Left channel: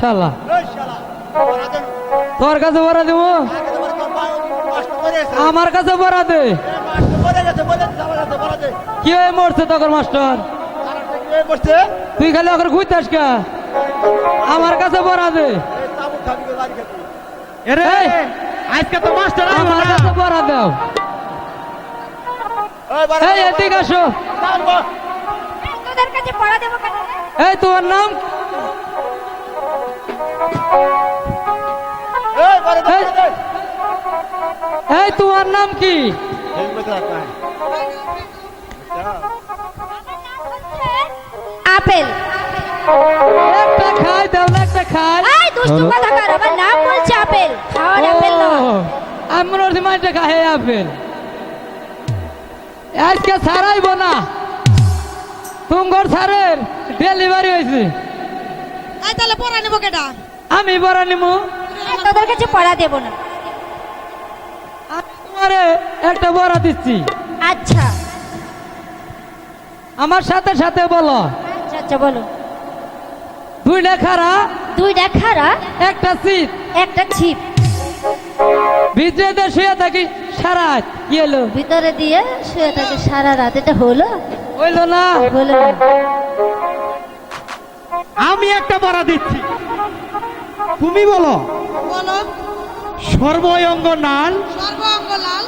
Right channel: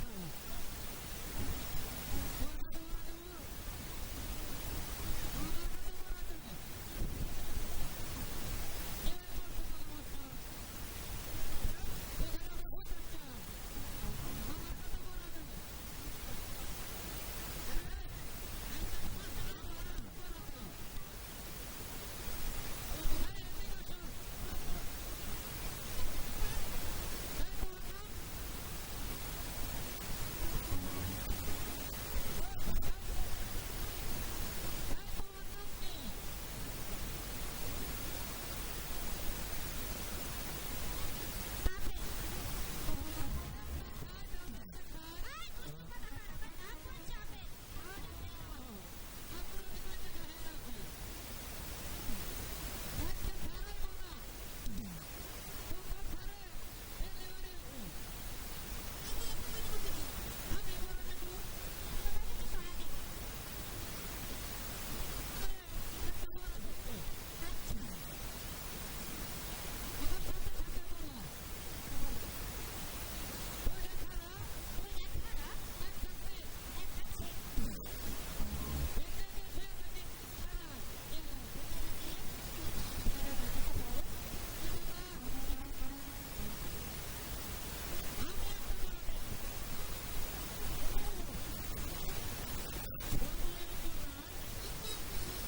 শালা তোর কাছে পড়া দেবো? আমার কাছে পড়া দে। কি হয়ে মরছে তখন মাস্টার? তুই খালি ওখানে ঘুরতাস কা? আমার কাছে পড়া দে। আজকে তো মাস্টার আমার কাছে পড়া দাও। এই এদিকে আসো। তোদের কাছে পড়া দেবো কেন এই তোমার নাম? এই, এই। তোমার নাম কি? আপেল। একটা খাই দাও একটা খাই। এই দুষ্টু কথাকার আমার নাম বলছে আপেল। খাওয়ার আপেল না। আমি মাঝে খাই আপেল। আজকে না। তুমগর ডেলিভারি হয়েছে। তাহলে পড়া নেব কেটা আমি বড় নিমু। তোদের কাছে পড়া দেবো না। আমি একটা বড় দিচ্ছি। আচ্ছা। আমার সাথে সাথে বলো। আচ্ছা আচ্ছা বলো। দুইটা খারা দুইটা খারা একটা একটা ছিপ। ভিতরে শুয়ে থাকি সারা রাত। কি ভিতরে দিয়ে শুয়ে থাকে সারা রাত। এটা হলো? হইল না। হলো না। আমি একটা পড়া দিচ্ছি। তুমি বলো। নাল। সর্বাঙ্গ লাল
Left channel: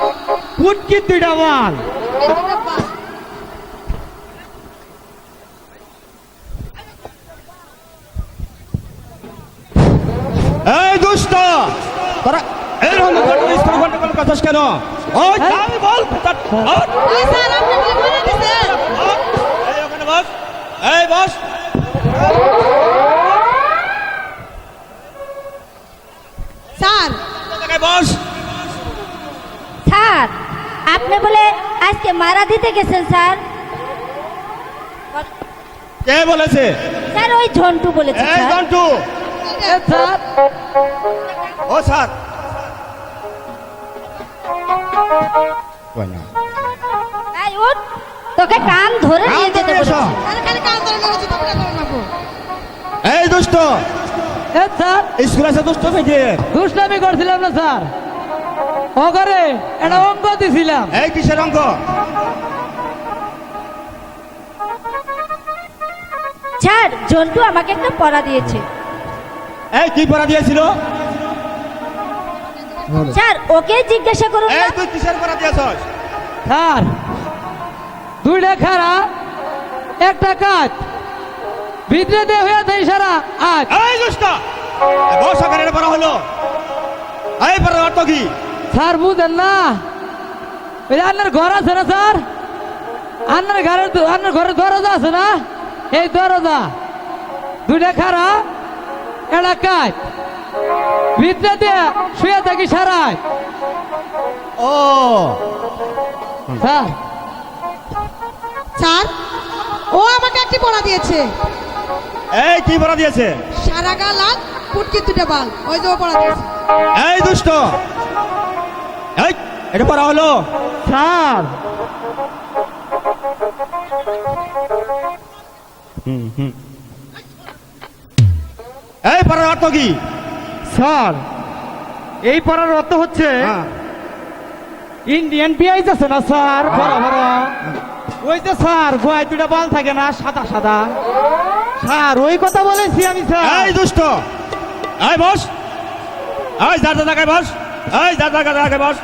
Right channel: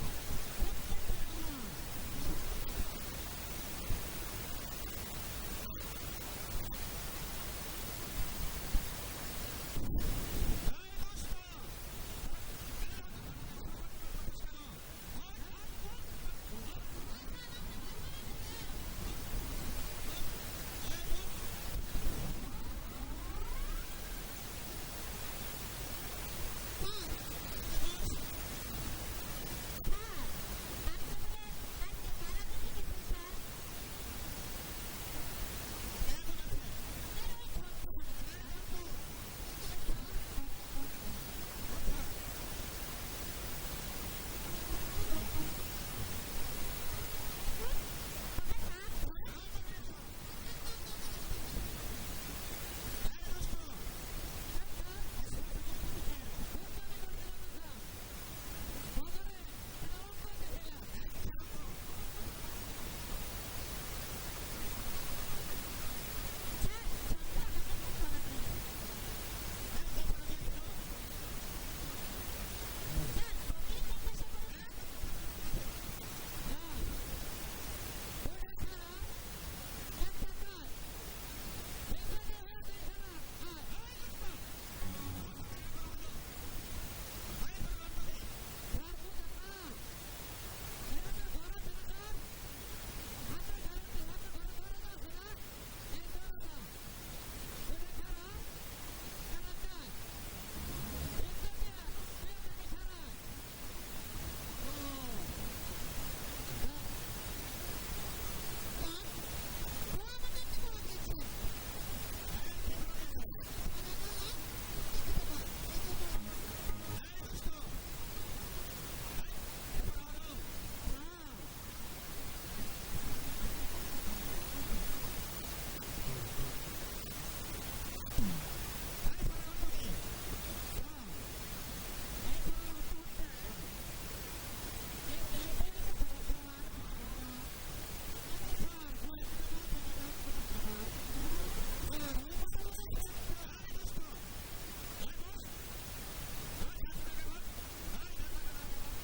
কুটকি দুইটা। এই দুষ্ট তোরা এরকম গন্ডগোল কেন? ওই যাই বল ওঠ, এই বস স্যার। বস। স্যার আপনি বলে আজকে মারা দিতে গেছেন স্যার। কে বলেছে? স্যার ওই ঝন্টু বলেছে এই স্যার। জন্টু স্যার। ও স্যার। এই উঠ। তোকে কান ধরে নিয়ে কান যেতে। বলেছি। আরে খালি কাল ধরে চিন্তা করে নেব এই দুষ্ট। স্যার। স্কুল আছে দুষ্টামি করছিলাম না স্যার। ও করে একটা অঙ্ক দিছিলাম। এই কিসের অঙ্ক? স্যার ঝন্টু আমাকে একটা পড়া দিয়েছে। এই কি পড়া দিয়েছিল? স্যার ওকে জিজ্ঞাসা করুন এই তুই কিসের পড়া দিয়েছস? স্যার দুইটা খারা একটা কাজ ভিতরে দিয়ে হয়ে থাকে সারা আজ। এই দুষ্ট বস ওখানে এটা হলো। এই পড়া অর্থ কি? স্যার বুঝেন না। ওই আপনার ঘর আছে না স্যার? আপনার ঘরের দ- আপনার ঘরের দরজা আছে না? এই দরজা দুইটা খারা একটা কাজ ভিতরে দিয়ে শুয়ে থাকি সারায়। ও। স্যার। স্যার ও আমাকে একটি পড়া দিয়েছে। এই কি পড়া দিয়েছে? সারা গা লাল পুটকি দুটো বাল। ওই যে পড়া দিয়েছে। এই দুষ্ট। এই এটা পড়া হলো। স্যার। এই পড়ার অর্থ কি? স্যার এই পড়ার অর্থ হচ্ছে হ্যাঁ। ইন্ডিয়ান পিঁয়াজ আছে না স্যার। বড় বড়। ওই যে স্যার গোয়ায় দুটা বাল থাকে না সাদা সাদা। স্যার ওই কথা বলেছি আমি স্যার। এই দুষ্ট! এই বস! এই যার যার জায়গায় বস! এই যার যার জায়গায় বস!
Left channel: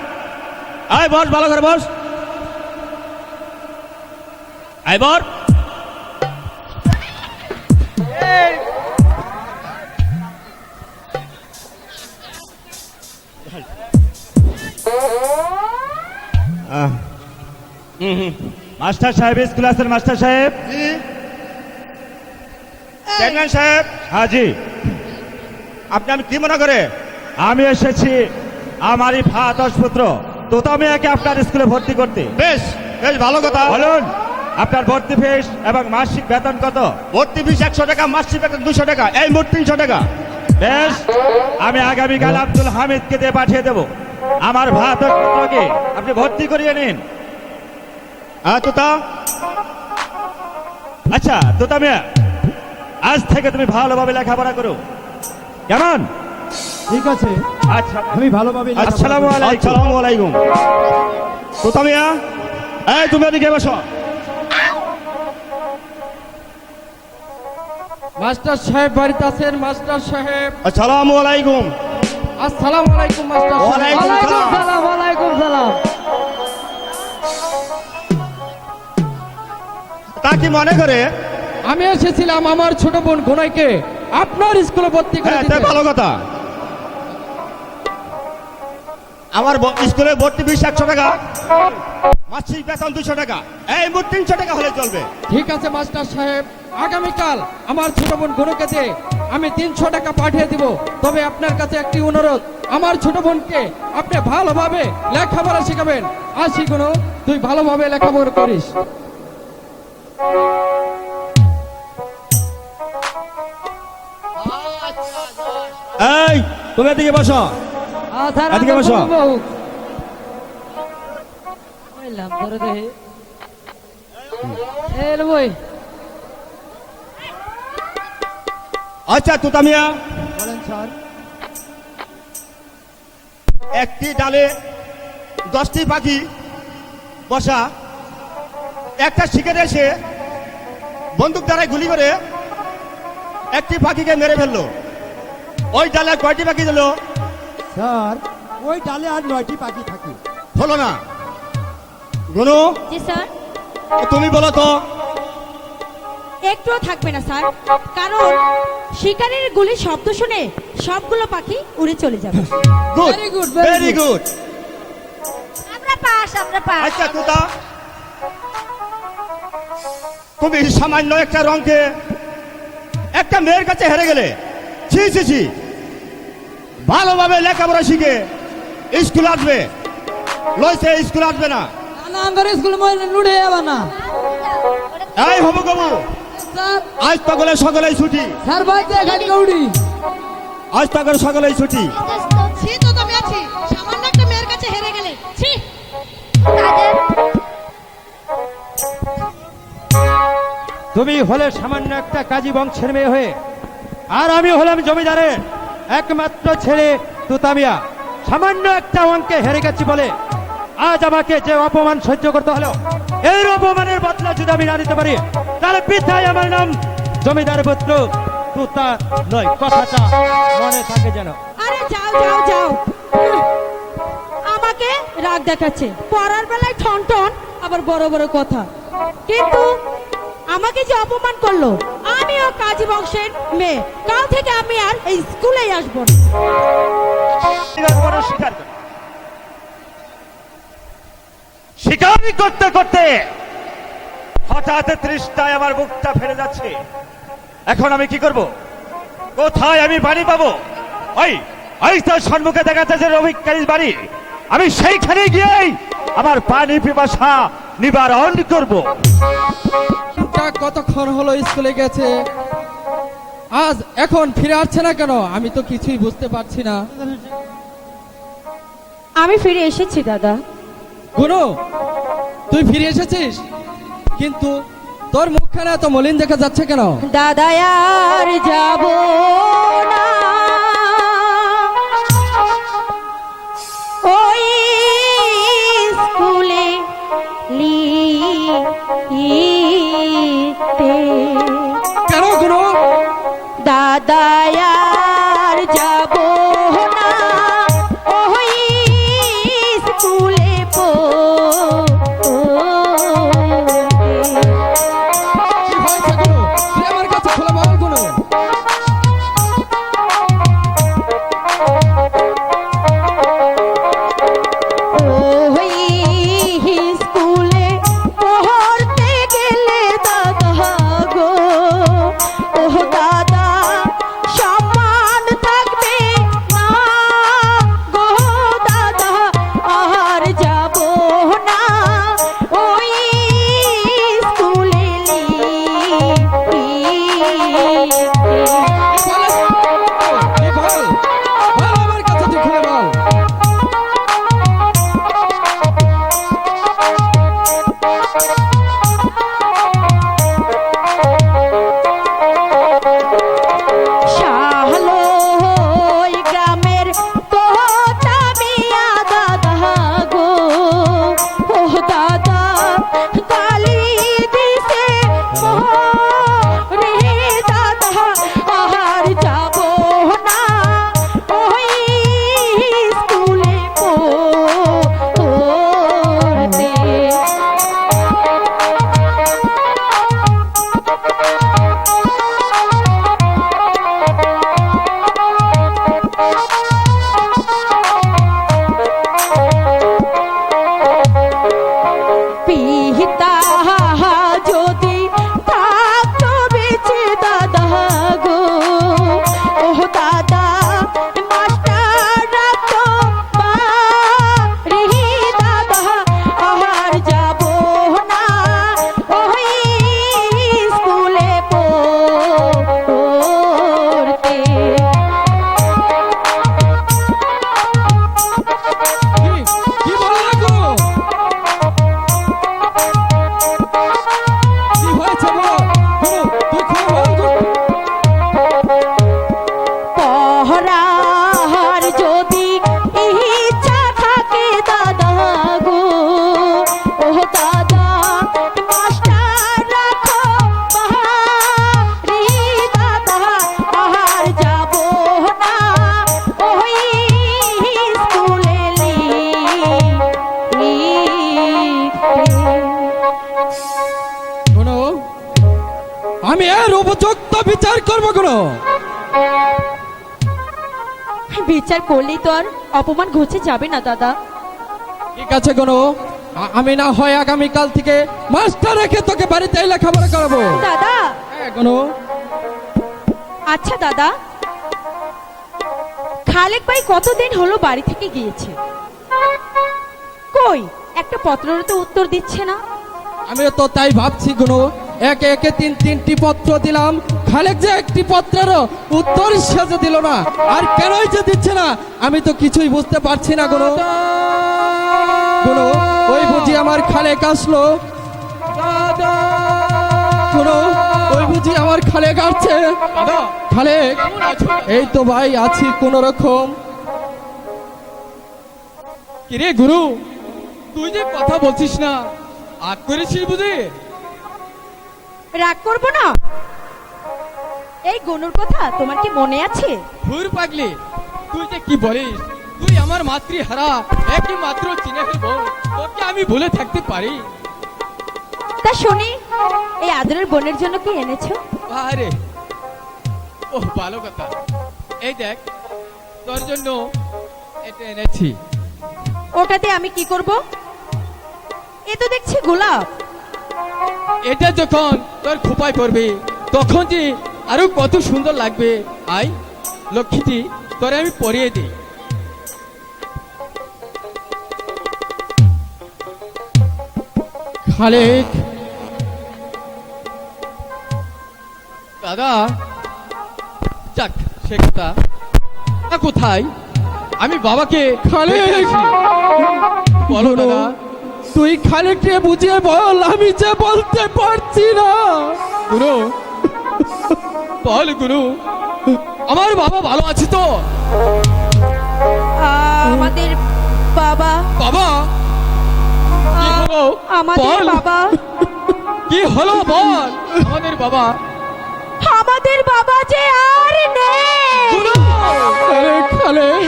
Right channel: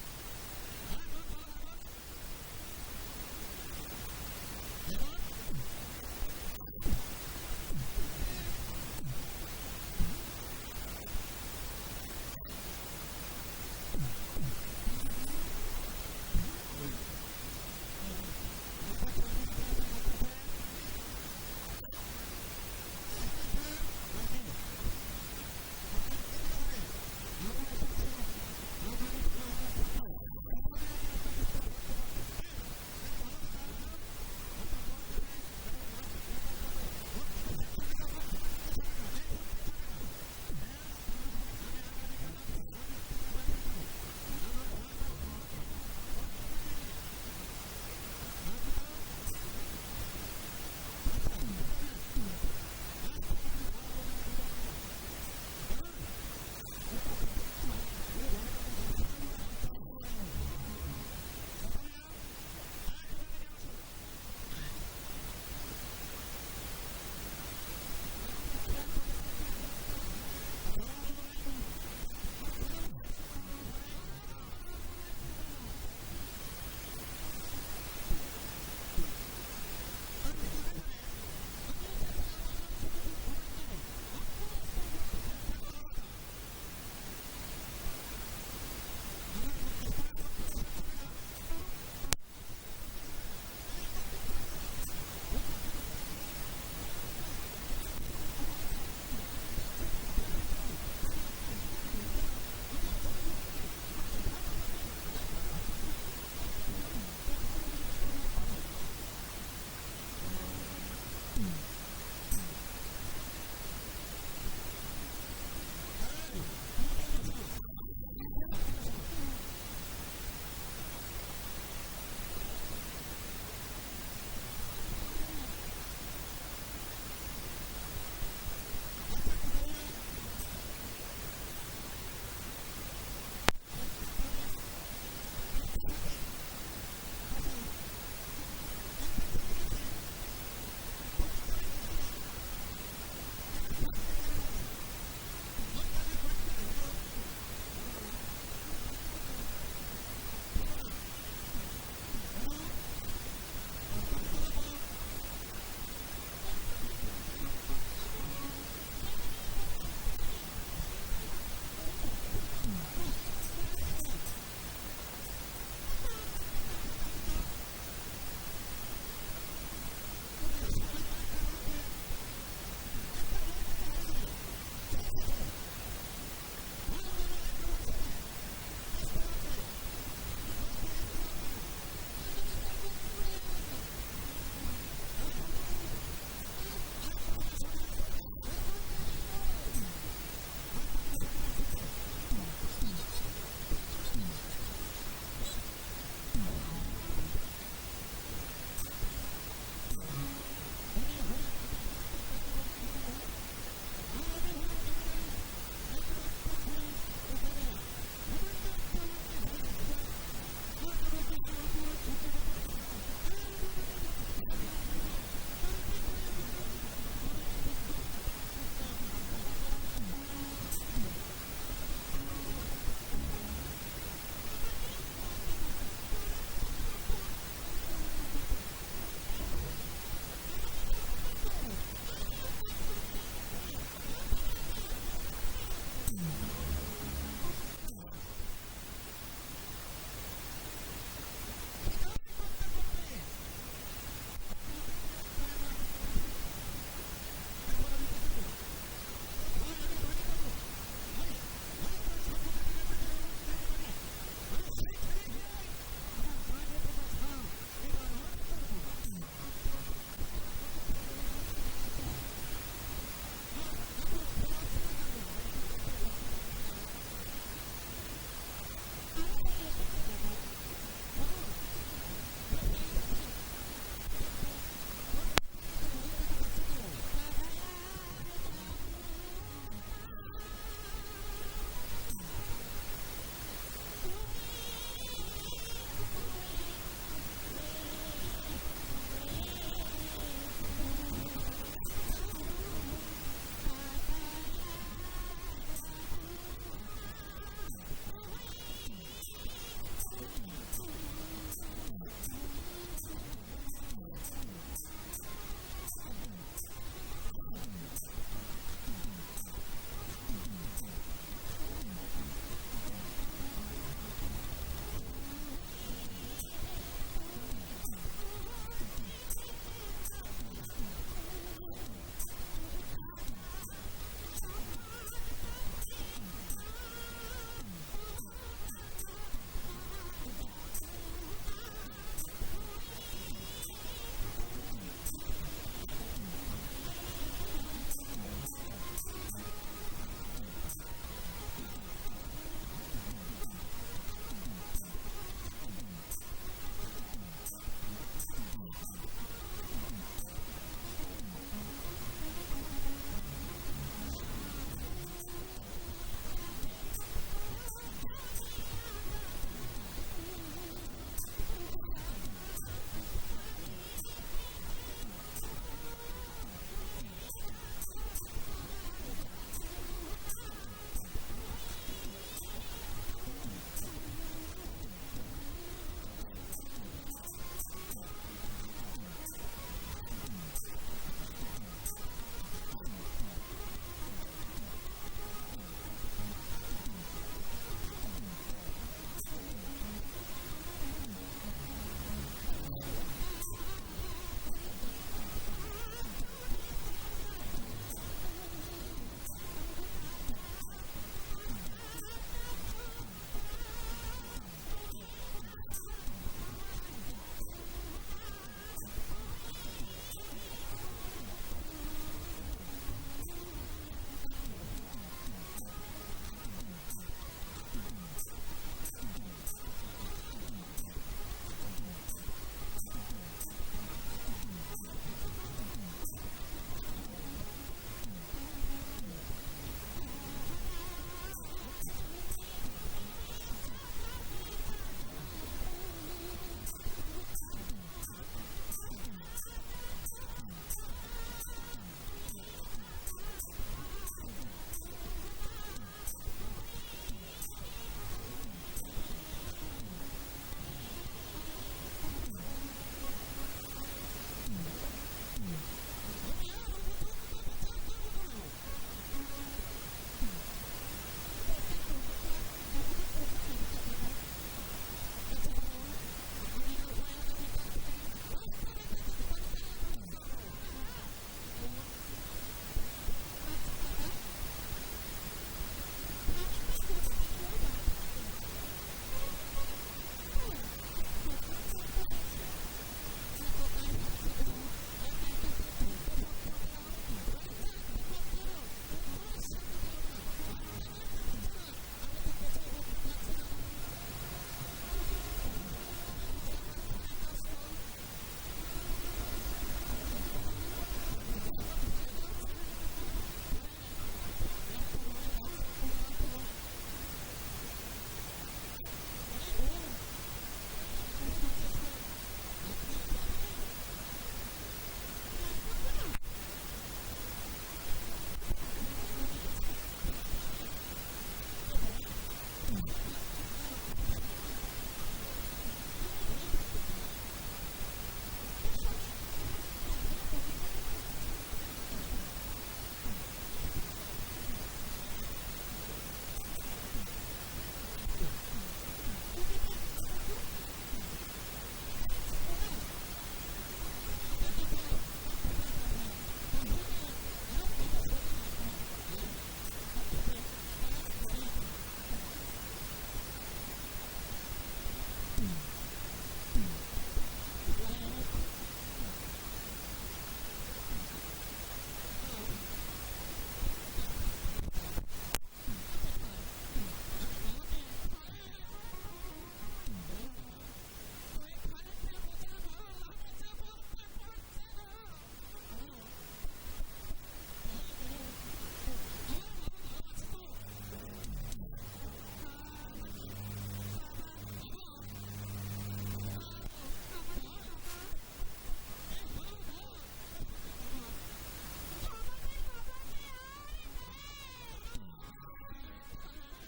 এই বস ভালো করে বস! এই বস আহ। মাস্টার সাহেব স্কুল আছেন মাস্টার সাহেব। চেয়ারম্যান সাহেব। হ্যাঁ জি। আপনি আমি কি মনে করে? আমি এসেছি আমারই ভাত পুত্র। তোতামিয়াকে আপনার স্কুলে ভর্তি করতে। বেশ বেশ ভালো কথা। বলুন আপনার ভর্তি ফিস এবং মাসিক বেতন কত? ভর্তি ফিস একশো টাকা মাসিক বেতন দুশো টাকা এই মোট তিনশো টাকা। বেশ আমি আগামীকাল আব্দুল হামিদকে দিয়ে পাঠিয়ে দেব। আমার ভাত পুত্রকে আপনি ভর্তি করিয়ে নিন। হ্যাঁ তোতা। আচ্ছা তোতা মিয়া আজ থেকে তুমি ভালোভাবে লেখাপড়া করো। কেমন? ঠিক আছে। আচ্ছা। আমি ভালোভাবে আসসালামু আলাইকুম। আসসালামু আলাইকুম। তোতা মিয়া এই তুমি এদিকে বসো। মাস্টার সাহেব বাড়িতে আছেন মাস্টার সাহেব। আসসালামু আলাইকুম। আসসালামু আলাইকুম মাস্টার সাহেব। ওয়ালাইকুম। সালাম ওয়ালাইকুম সালাম। তা কি মনে করে আমি এসেছিলাম আমার ছোট বোন ঘোনাইকে আপনার স্কুলে ভর্তি করে হ্যাঁ দিতে। ভালো কথা। আমার স্কুলে ভর্তি ফিস একশো টাকা। মাসিক বেতন দুশো টাকা। এই মোট তিনশো টাকা হলে চলবে। ঠিক আছে মাস্টার সাহেব। আগামীকাল আমার ছোট বোন দিয়ে আমি তিনশো টাকা পাঠিয়ে দিব। তবে আপনার কাছে একটি অনুরোধ। আমার ছোট বোনকে আপনি ভালোভাবে লেখাপড়া শেখাবেন। আসি কোনো তুই ভালোভাবে লেখাপড়া করিস। এই তুমি এদিকে বসো। এদিকে বসো। আচ্ছা তোতা মিয়া একটি ডালে দশটি পাখি বসা। একটা শিকারে এসে বন্দুক দ্বারাই গুলি করে একটি পাখিকে মেরে ফেলল। ওই ডালে কয়টি পাখি দিল স্যার ওই ডালে আর নয়টি পাখি থাকে। হলো না। গুনু? জি স্যার। তুমি বলো তো। একটুও থাকবে না স্যার। কারণ শিকারের গুলির শব্দ শুনে সবগুলো পাখি উড়ে চলে যাবে। Good good, very very good আমরা পাস আমরা পাস। আচ্ছা তুতা। তুমি সামান্য একটা রঙকে একটা মেয়ের কাছে হেরে গেলে। ছি ছি ছি। ভালোভাবে লেখাপড়া শিখে স্কুল আসবে। লইছে স্কুল আসবে না। না আমার স্কুল মহিলা লুড়ে যাবে না। এই হবু গবু স্যার। আজ তকলে সকলেই ছুটি। স্যার ভাই দেখান গৌড়ি? আজ তকলে সকলেই ছুটি। ছি তো তুমি আছি। সামান্য একটা মেয়ের কাছে হেরে গেলে। ছি। তুমি হলে সামান্য একটা কাজী বংশের মেয়ে হয়ে আর আমি হলাম জমিদারের। একমাত্র ছেলে তুতামিয়া সামান্য একটা অঙ্কে হেরে গেছি বলে আজ আমাকে যে অপমান সহ্য করতে হলো এই অপমানের বদলা যদি আমি না দিতে পারি, তাহলে পিতায় আমার নাম। জমিদার পুত্র, তুতা নয়, কথাটা মনে থাকে যেন। আরে যাও যাও যাও। আমাকে রাগ দেখাচ্ছে। পড়ার বেলায় ঠন ঠন আবার বড় বড় কথা। কিন্তু আমাকে যে অপমান করল আমিও কাজী বংশের মেয়ে। কাল থেকে আমি আর এই স্কুলেই আসব না। করতে করতে হঠাৎ তৃষ্ণায় আমার বুকটা ফেলে যাচ্ছে। এখন আমি কি করব? কোথায় আমি বাড়ি পাবো? ওই ওই সম্মুখে দেখা যাচ্ছে যে রবিকারীর বাড়ি। আমি সেইখানে গিয়েই আমার পানি পিপাসা নিবারণ করব। কতক্ষণ হলো স্কুলে গেছে? আজ এখন ফিরে আসছে না কেন? আমি তো কিছুই বুঝতে পারছি না। আমি ফিরে এসেছি দাদা। গুরু তুই ফিরে এসেছিস? কিন্তু তোর মুখখানা এত মলিন দেখা যাচ্ছে কেন? দাদা আর যাব না। দাদা বিচার করব কোনো? বিচার করলেই তো আর অপমান ঘুচে যাবে না দাদা। ঠিক আছে কোনো আমি না হয় আগামীকাল থেকে মাস্টার রেখে তোকে বাড়িতে লেখাপড়া করাবো। দাদা। হ্যাঁ কোনো আচ্ছা দাদা। খালেক ভাই কতদিন হলো বাড়ি থেকে গিয়েছে? কই? একটা পত্রের তো উত্তর দিচ্ছে না। আমিও তো তাই ভাবছি গুনো একে একে তিন তিনটি পত্র দিলাম। খালেক যে একটি পত্রের উত্তর সেজে দিল না, আর কেনই যে দিচ্ছে না, আমি তো কিছুই বুঝতে পারছি না, গুনো। গুনো, ওই বুঝি আমার খালেক আসলো। ওই বুঝি আমার খালেক আসছে। খালেক, এই তো ভাই আছি কোন রকম কিরে গুরু, তুই যে কথা বলছিস না আগ করেছিস বুঝি? রাগ করব না? এই গনুর কথা তোমার কি মনে আছে? ঘুর পাগলি তুই যে কি বলিস? তুই আমার মাতৃহারা একই মাত্র চিনে বোন তোকে আমি ভুলে থাকতে পারি। তা শুনি এই আদরের বোনের জন্য কি এনেছো? আরে ও ভালো কথা। এই দেখ তোর জন্য এটা এনেছি। ওটাতে আমি কি করব? এ তো দেখছি গোলাপ। এটা যখন তোর খোপায় পড়বে তখন যে আরও কত সুন্দর লাগবে। আই লক্ষ্মীটি তোরে আমি পরিয়ে দিই। খালেক। দাদা যাক সে কথা। কোথায়? আমি বাবাকে খালেক! বলো দাদা। তুই খালেককে বুঝিয়ে বল আমি যে বলতে পারছি না। গুরু বল গুরু। আমার বাবা ভালো আছে তো? আমাদের বাবা। বাবা? আমাদের বাবা। কি হলো? বল। আমাদের বাবা। আমাদের বাবা যে আর নেই। গুরু! আরে খালেক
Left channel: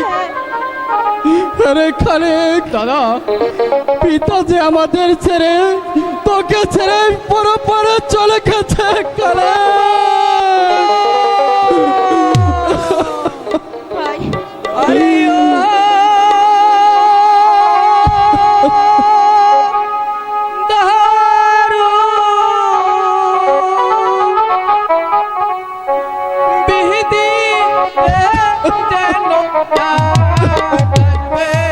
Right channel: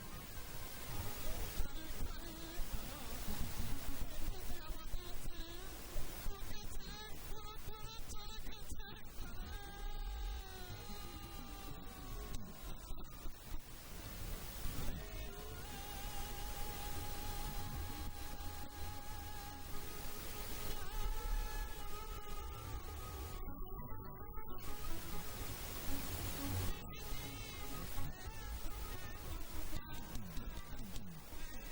আরে খালেক দাদা পিতা যে আমাদের ছেড়ে তোকে ছেড়ে পরে পরে চলে গেছে ভাই তুই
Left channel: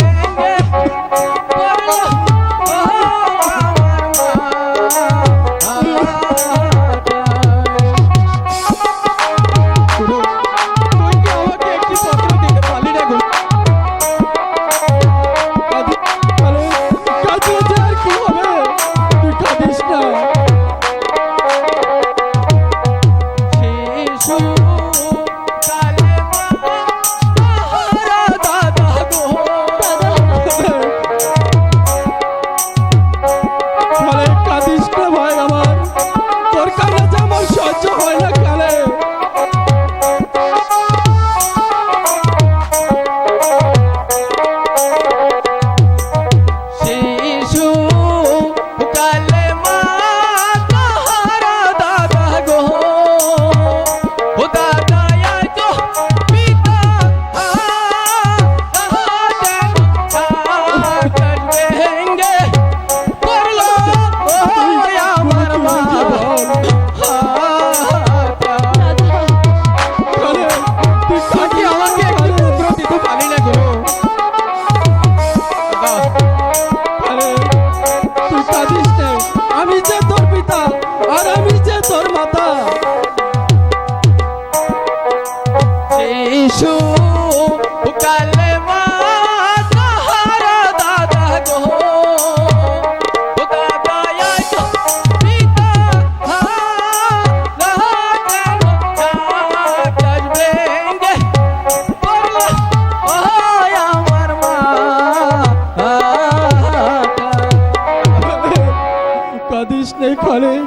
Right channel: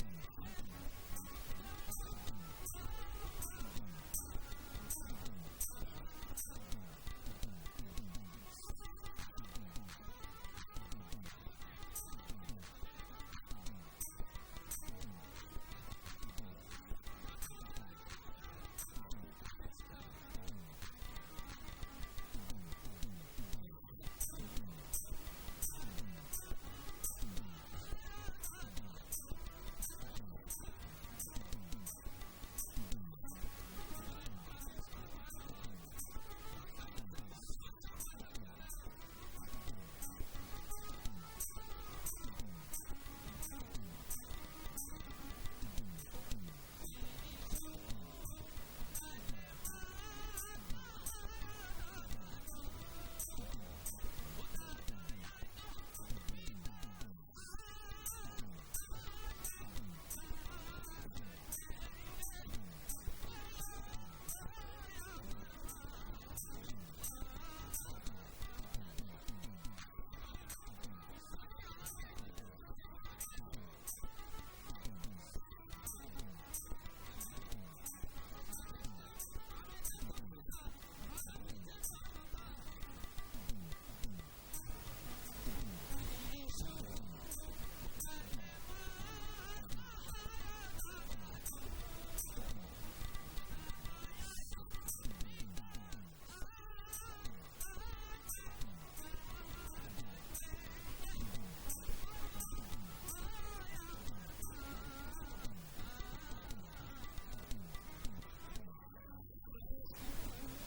নেই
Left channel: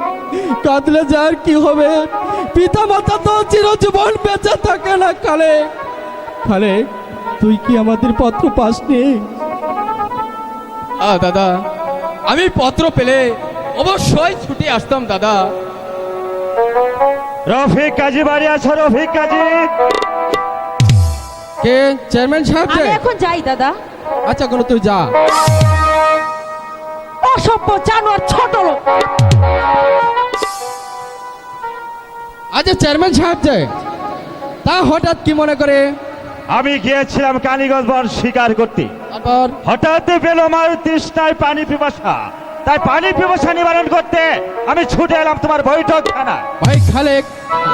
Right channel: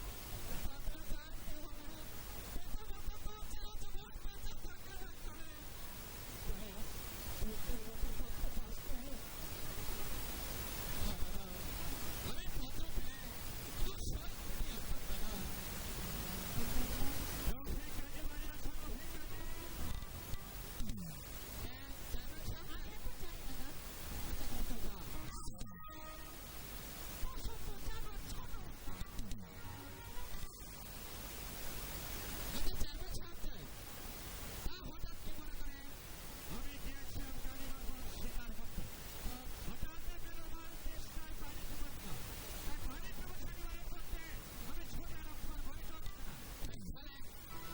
কাঁদলে যার কি হবে? পিতা মাতা তো চিরজীবন বেঁচে থাকে না খালে। খালে তুই কি আমাদের পত্র পাসনি? দাদা আমি পত্র পেলে অবশ্যই ছুটে আসতাম দাদা। রফিক কাজী বাড়ি আছো রফিক কাজী? কে? চেয়ারম্যান সাহেব আমি এখন যাই দাদা। আচ্ছা কোনো তুই যা। অসভ্য জানোয়ার ছোট লোক। আচ্ছা চেয়ারম্যান সাহেব যে তা হঠাৎ কি মনে করে? আমি গিয়েছিলাম কালীগঞ্জ বন শিকার করতে। হঠাৎ পেল আমার তৃষ্ণায় পানি পিপাসা। তাই পানি পিপাসা নিবারণ করতে আমি ছুটে এলাম তোমার বৈঠক খানা ভাই খালেক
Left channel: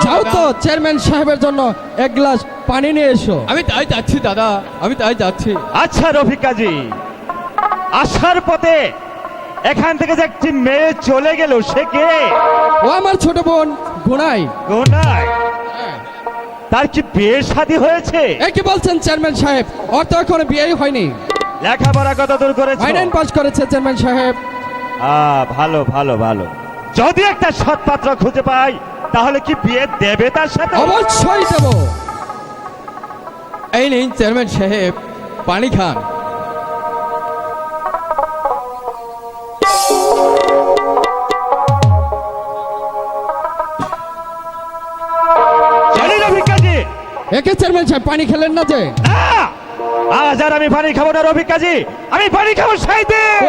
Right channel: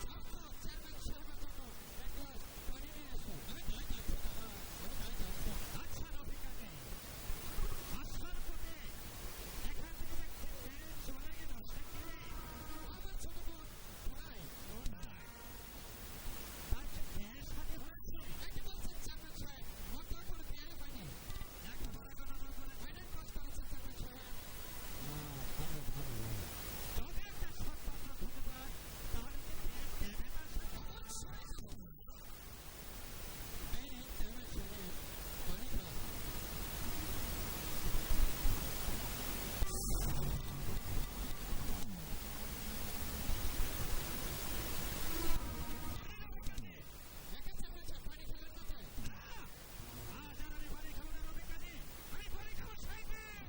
যাও তো চেয়ারম্যান সাহেবের জন্য এক গ্লাস পানি নিয়ে এসো। আমি তাই যাচ্ছি দাদা। আমি তাই যাচ্ছি। আচ্ছা রফিক কাজী আসার পথে এখান থেকে যে একটি মেয়ে চলে গেল সে কে? ও আমার ছোট বোন গুনাই। গোনাই। তার কি বিয়ে শাদী হয়েছে? এই কি বলছেন চেয়ারম্যান সাহেব? ওর তো এখনও বিয়েই হয়নি। লেখাপড়া কত দূর করেছে? ফাইনাল পাস করেছে চেয়ারম্যান সাহেব। আ ভালো ভালো ভালো। যদি একটা সৎপাত্র খুঁজে পাই তাহলে কি বিয়ে দেবে তার সাথে? অবশ্যই দেব। এই নিন চেয়ারম্যান সাহেব পানি খান। একে চেয়ারম্যান সাহেব পানি খেলেন না যে? আজ আর আমি পানি খাব না রফিক কাজী। আমি পানি খাব সেই দিন?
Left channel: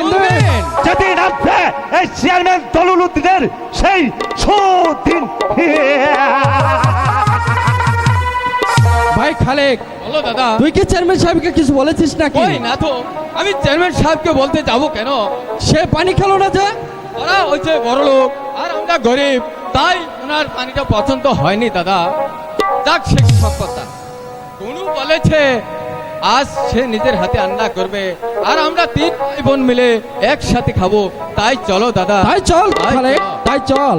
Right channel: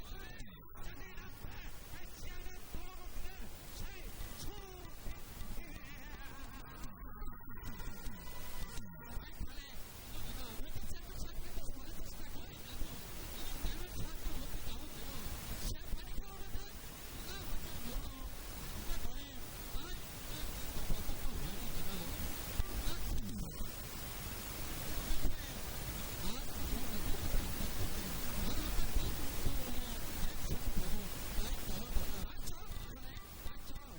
যেদিন আপনি এই চেয়ারম্যান তলুল উদ্দিনের সেই সুদিন ভাই খালেক বলো দাদা। তুই কি চেয়ারম্যান সাহেবকে কিছু বলেছিস নাকি? ওই না তো আমি চেয়ারম্যান সাহেবকে বলতে যাব কেন? সে পানি খেলো না যে? ওরা হচ্ছে বড় লোক আর আমরা গরিব তাই ওনার পানিটা পছন্দ হয়নি দাদা। যাক সে সব কথা কোনু বলেছে আজ সে নিজের হাতে রান্না করবে আর আমরা তিন ভাই বোন মিলে একসাথে খাব। তাই চলো দাদা। তাই চলো। তাই চল।